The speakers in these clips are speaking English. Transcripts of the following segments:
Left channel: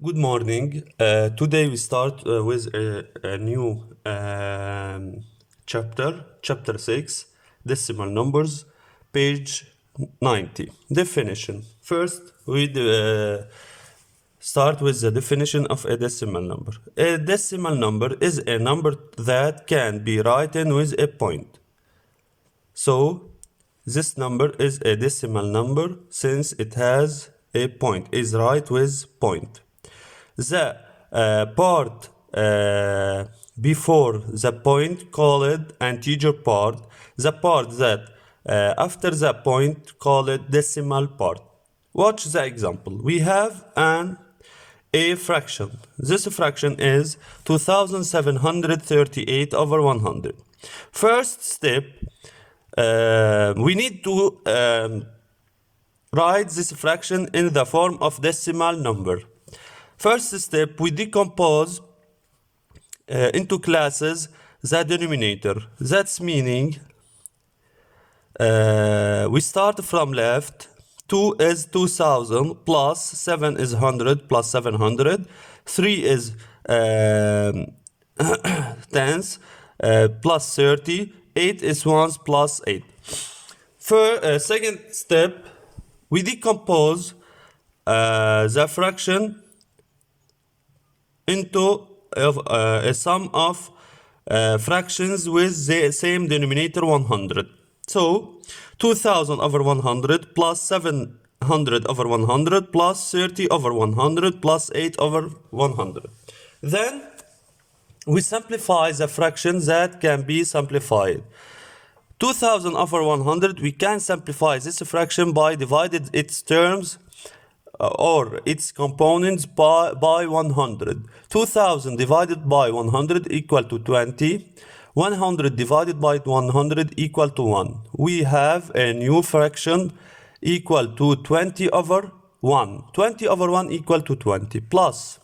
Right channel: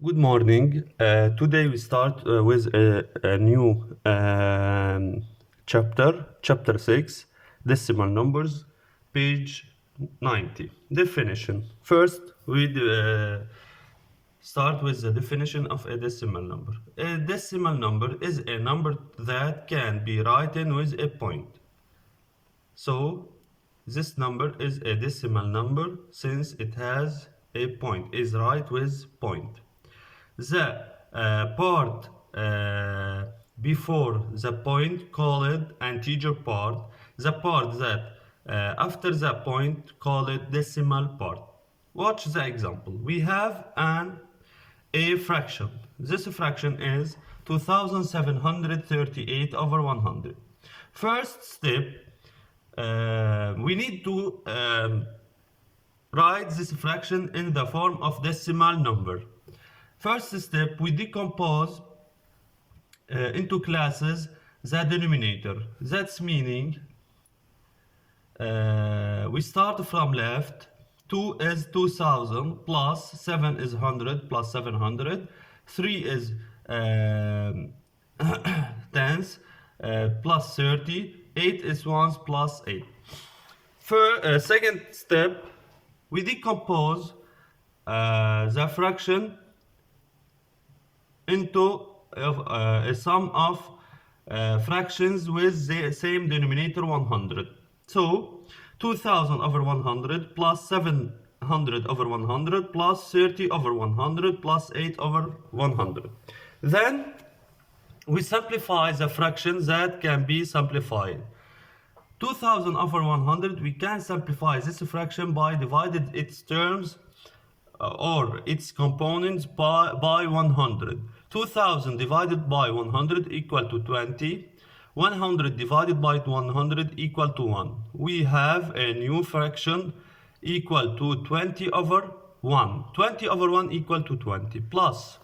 Good morning. Today we start with a new chapter 6, decimal numbers, page 90. Definition. First, we start with the definition of a decimal number. A decimal number is a number that can be written with a point. So, this number is a decimal number since it has a point, is right with point. The part before the point called integer part. The part that after the point called decimal part. Watch the example. We have a fraction. This fraction is 2738 over 100. First step, we need to write this fraction in the form of decimal number. First step, we decompose into classes the denominator. That's meaning we start from left. 2 is 2000 plus 7 is 100 plus 700. 3 is tens plus 30. 8 is ones plus 8. For second step, we decompose the fraction into a sum of fractions with the same denominator 100. So 2000 over 100 plus 700 over 100 plus 30 over 100 plus 8 over 100. Then we simplify the fraction that can be simplified. 2000 over 100, we can simplify this fraction by dividing its terms or its components by 100. 2000 divided by 100 equal to 20. 100 divided by 100 equal to 1. We have a new fraction equal to 20 over 1. 20 over 1 equal to 20 plus.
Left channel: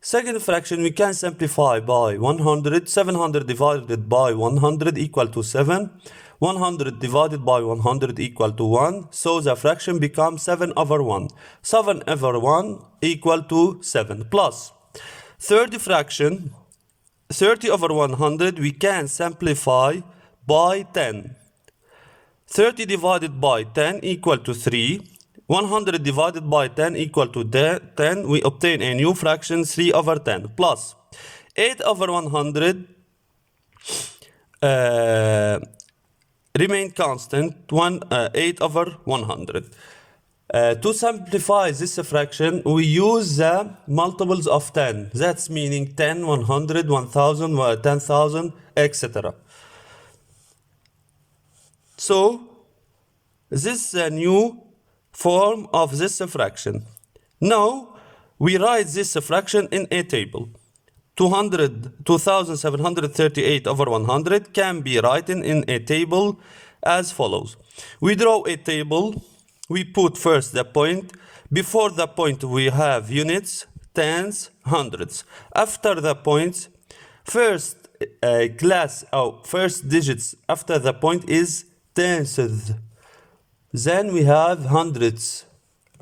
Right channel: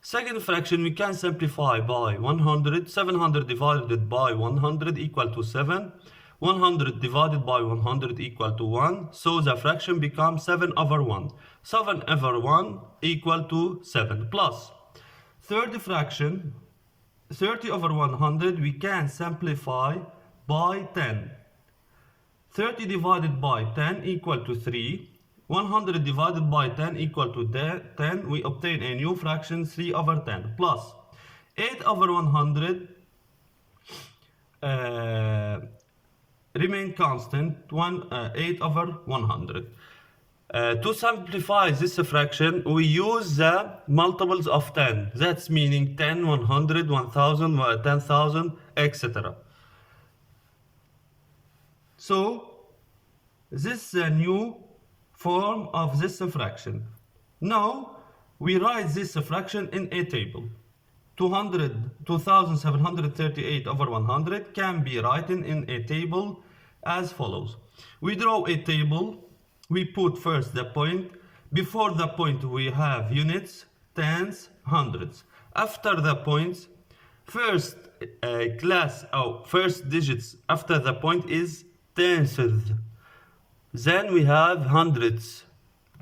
Second fraction we can simplify by 100. 700 divided by 100 equal to 7. 100 divided by 100 equal to 1. So the fraction becomes 7 over 1. 7 over 1 equal to 7 plus. Third fraction, 30 over 100, we can simplify by 10. 30 divided by 10 equal to 3. 100 divided by 10 equal to 10. We obtain a new fraction 3 over 10 plus 8 over 100 remain constant 8 over 100. To simplify this fraction, we use the multiples of 10. That's meaning 10, 100, 1000, 10,000, etc. So, this is a new form of this fraction. Now, we write this fraction in a table. 2738 over 100 can be written in a table as follows. We draw a table. We put first the point. Before the point we have units, tens, hundreds. After the points, first digits after the point is tenths. Then we have hundreds.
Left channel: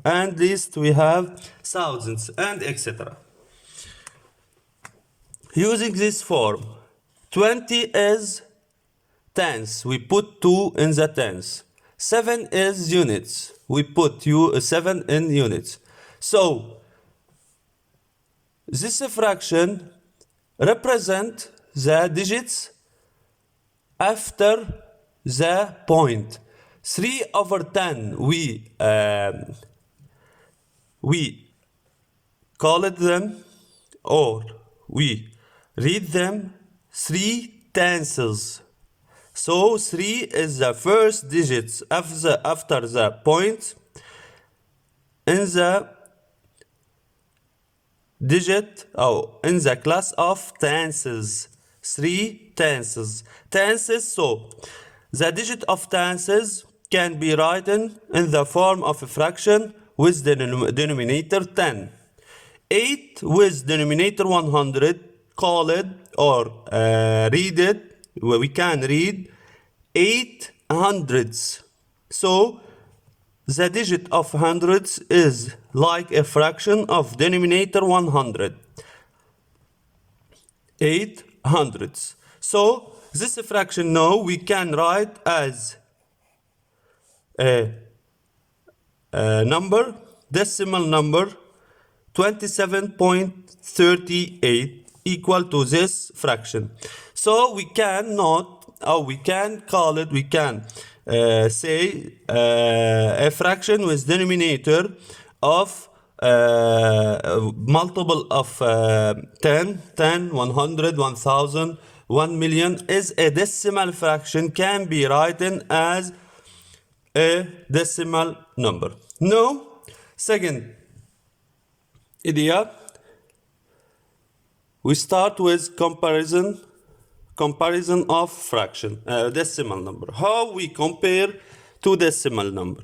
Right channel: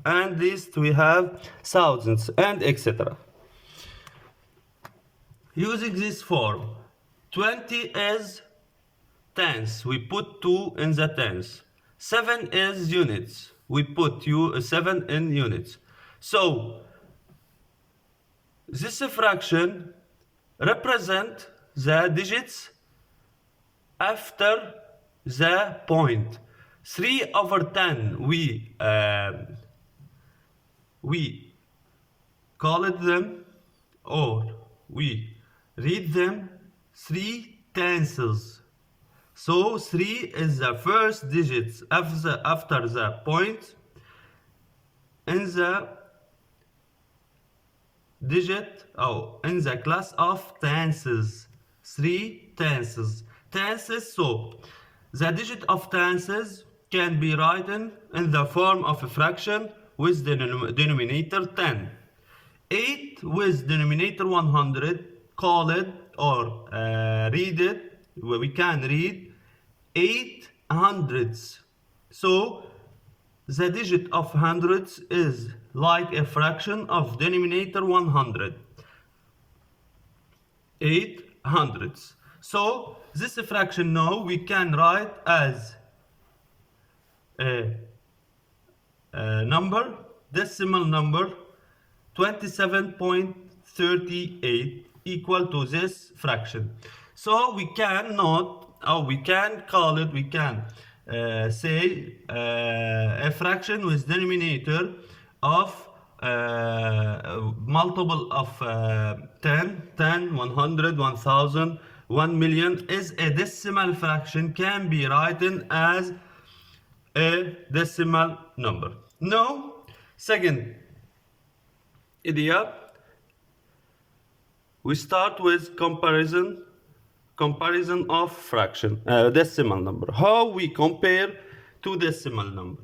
And least we have thousands and etc. Using this form, 20 is tens. We put 2 in the tens. 7 is units. We put 7 in units. So, this fraction represents the digits after the point. 3 over 10, we call it them, or we read them 3 tenths. So 3 is the first digits after the point in the in the class of tenths. 3 tenths. Tenths, so the digit of tenths can be written in the form of a fraction with the denominator 10. 8 with denominator 100, call it or read it. We can read 8 hundredths. So the digit of hundreds is like a fraction of denominator 100. 8 hundredths. So this fraction now we can write as a number, decimal number 27.38 equal to this fraction. So we cannot, or we can call it, we can say a fraction with denominator of multiple of 10, 100, 1000, 1 million is a decimal fraction, can be written as a decimal number. Now, second idea, we start with comparison of fraction, decimal number. How we compare two decimal number?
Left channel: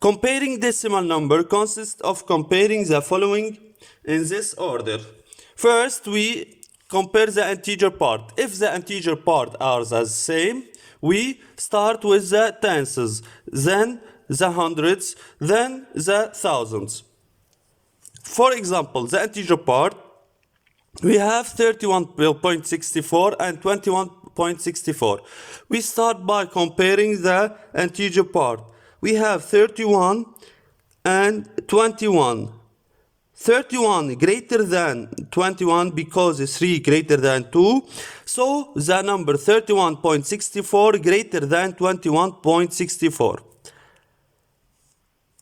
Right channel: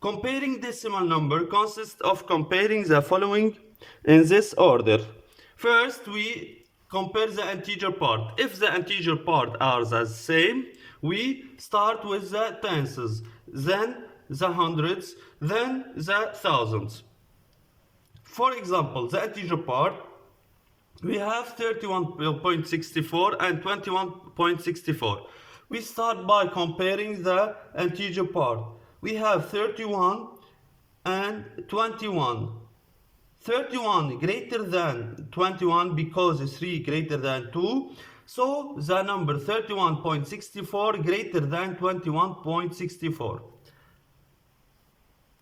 Comparing decimal number consists of comparing the following in this order. First, we compare the integer part. If the integer part are the same, we start with the tenths, then the hundreds, then the thousands. For example, the integer part, we have 31.64 and 21.64. We start by comparing the integer part. We have 31 and 21. 31 greater than 21 because 3 greater than 2. So the number 31.64 greater than 21.64.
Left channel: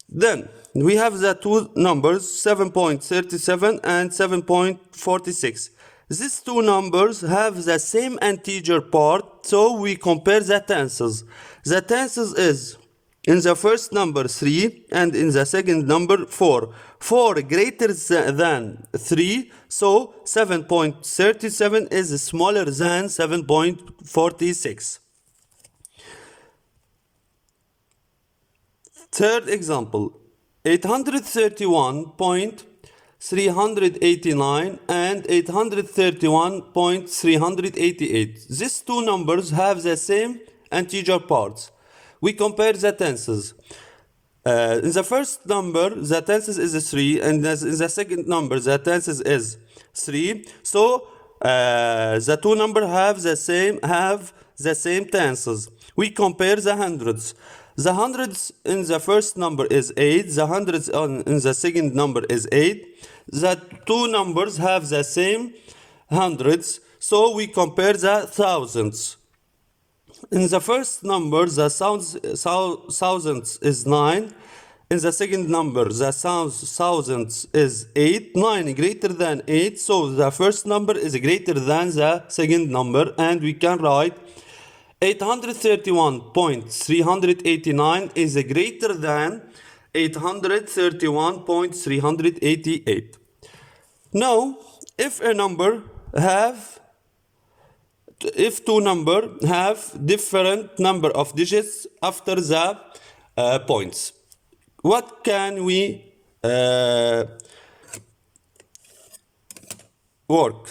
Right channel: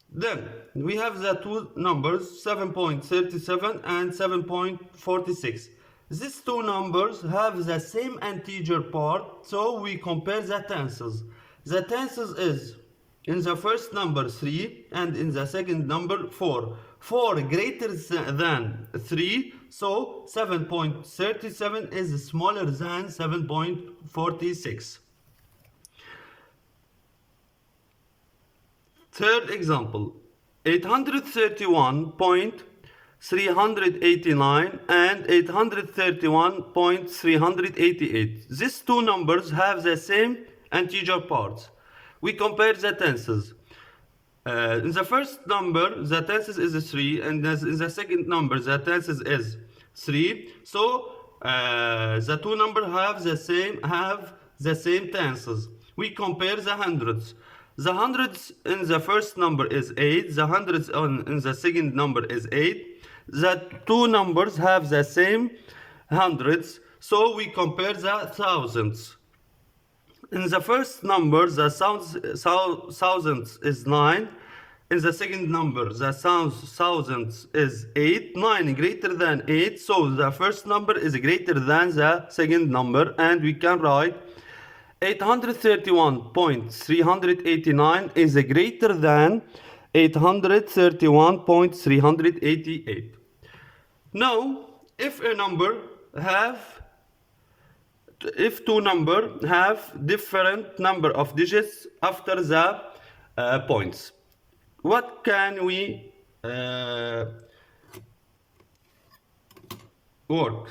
Then we have the two numbers 7.37 and 7.46. These two numbers have the same integer part, so we compare the tenths. The tenths is in the first number 3 and in the second number 4. 4 greater than 3, so 7.37 is smaller than 7.46. Third example, 831.389 and 831.388. These two numbers have the same integer parts. We compare the tenths. In the first number, the tenths is 3, and in the second number, the tenths is 3. So the two numbers have the same tenths. We compare the hundreds. The hundreds in the first number is 8. The hundreds in the second number is 8. The two numbers have the same hundreds, so we compare the thousands. In the first number, the thousands is 9. In the second number, the thousands is 8. 9 greater than 8, so the first number is greater than the second number, and we can write 831.389 is greater than 831.388. Now, if two numbers have different number of digits after the points, what can we work?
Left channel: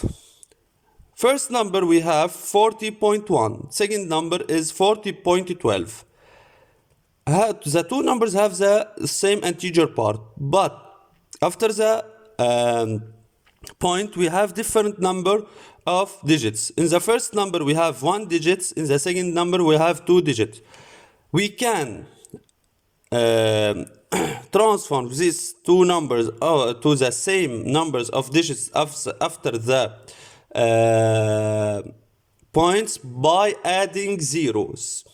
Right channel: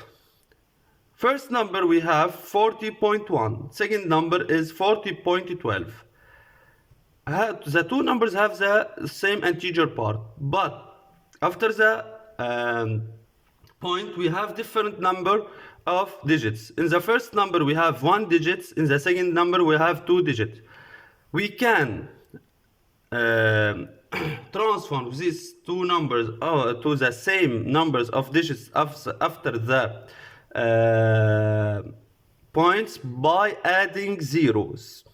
First number we have 40.1. Second number is 40.12. The two numbers have the same integer part, but after the point we have different number of digits. In the first number we have 1 digit. In the second number we have 2 digits. We can transform these two numbers to the same numbers of digits after the points by adding zeros.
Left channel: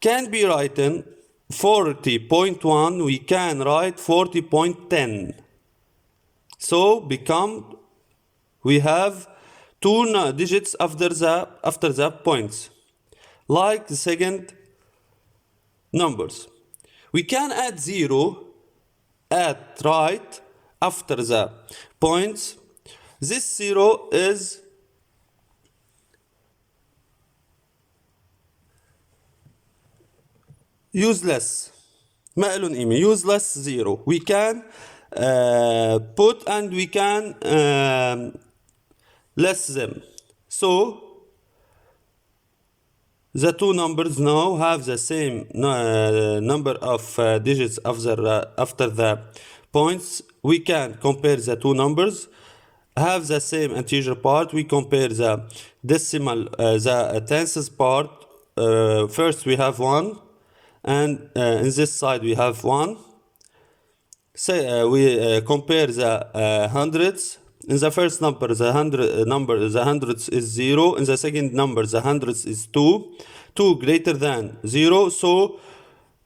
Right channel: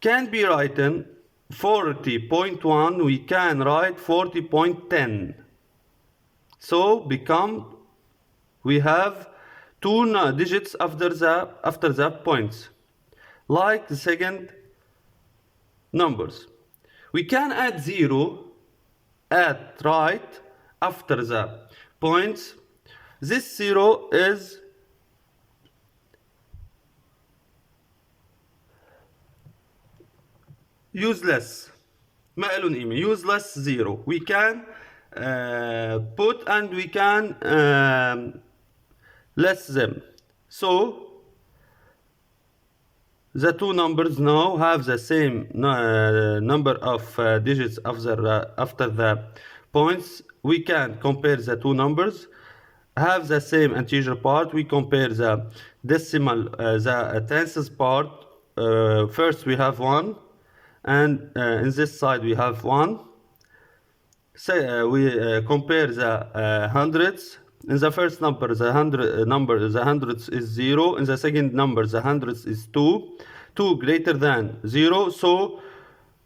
Can be written 40.1, we can write 40.10. So we have 2 digits after the points, like the second numbers. We can add 0 right after the points. This 0 is useless. ما له قيمة. Useless 0. We can put and we can less them. So The two numbers now have the same number of digits after the points. We can compare the two numbers, have the same integer part. We compare the decimal, the tenths part. First we have 1, and in this side we have 1. Say we compare the hundreds. In the first number, the hundreds is 0. In the second number, the hundreds is 2. 2 greater than 0. So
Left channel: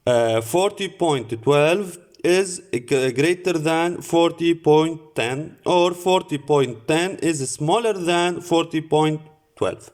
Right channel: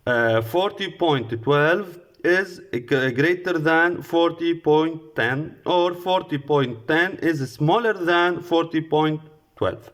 40.12 is greater than 40.10, or 40.10 is smaller than 40.12.